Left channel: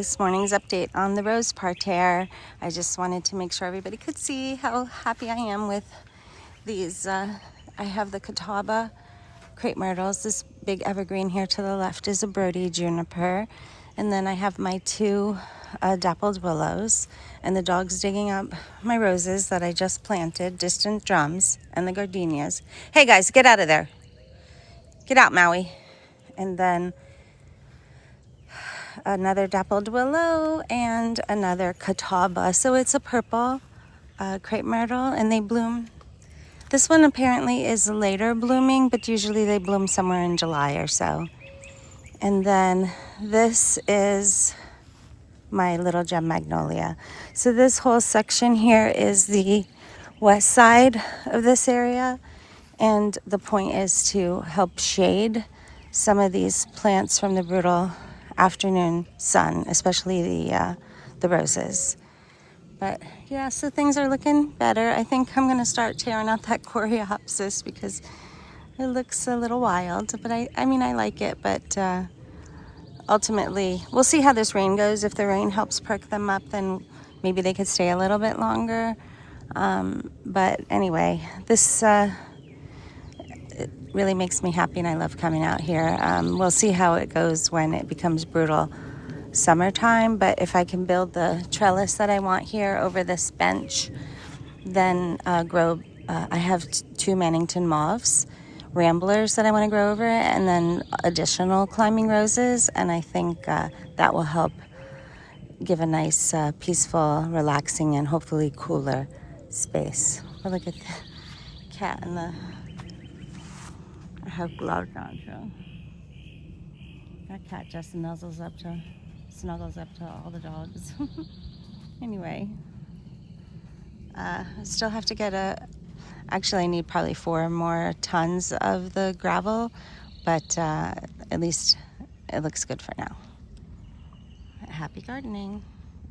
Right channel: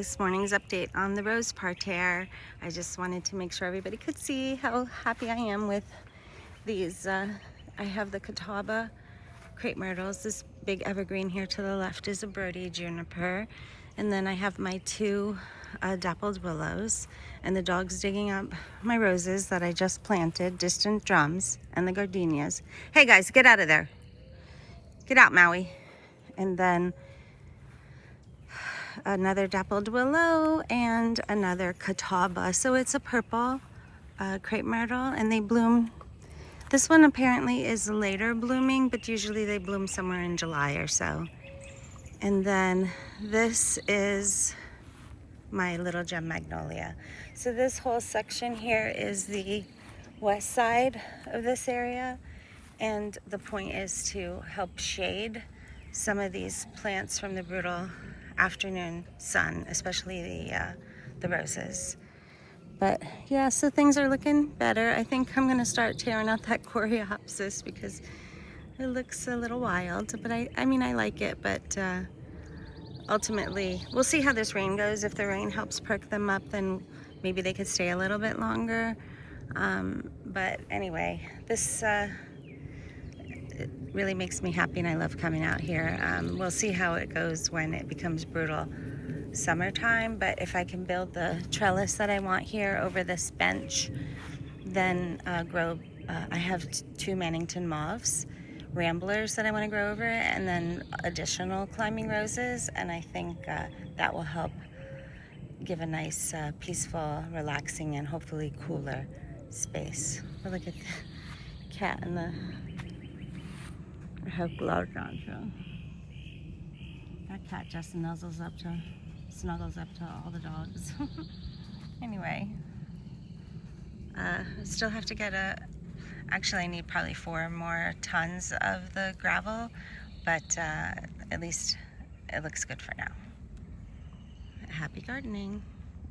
this morning's update on the rose parterre. I just wanted to make sure everybody could see how happy I am with these. I have the catawba crepe myrtles. This big evergreen here to the left is a birdie juniper. And then I have my two dappled willows. And the dog's digging up my roses that I just planted, distant drums, and the gardenias. Hey guys, get out of there. Get out, Maui. And then another dappled willow and another catawba. So it's a purple crepe myrtle, and they bloom. This one apparently is later blooming, but usually they bloom somewhere in July or so. And then this is my little gem magnolia. So this whole section here is the west side of this area, and the point is to help shade some of these plants from the brutal afternoon sun, especially the roses. But yeah, so things are looking better. I think I'm gonna start tearing out that coreopsis because it looks a little wild, but I mean I like it, but ultimately we'll see how this rain goes. If the rain helps perk them up, then maybe they could stay a little bit longer. But anyway, this it really makes me happy, and I love coming out here. We'll see how it goes when it becomes brutal summertime, but if I can build the trellis that I want here over this bench, then I have two Mannington mauves, ramblers that I want to grow over it, and then additional climbing roses, and I think that will help give a nice, peaceful, relaxing, and hopefully cooler space. But look at the cat and the... I have gloves on, so that cat just snuggles up to all the dogs. Anyway, I still have to get actually I need probably 4 more tons of the gravel, but at least it looks good for now. Happy gardening.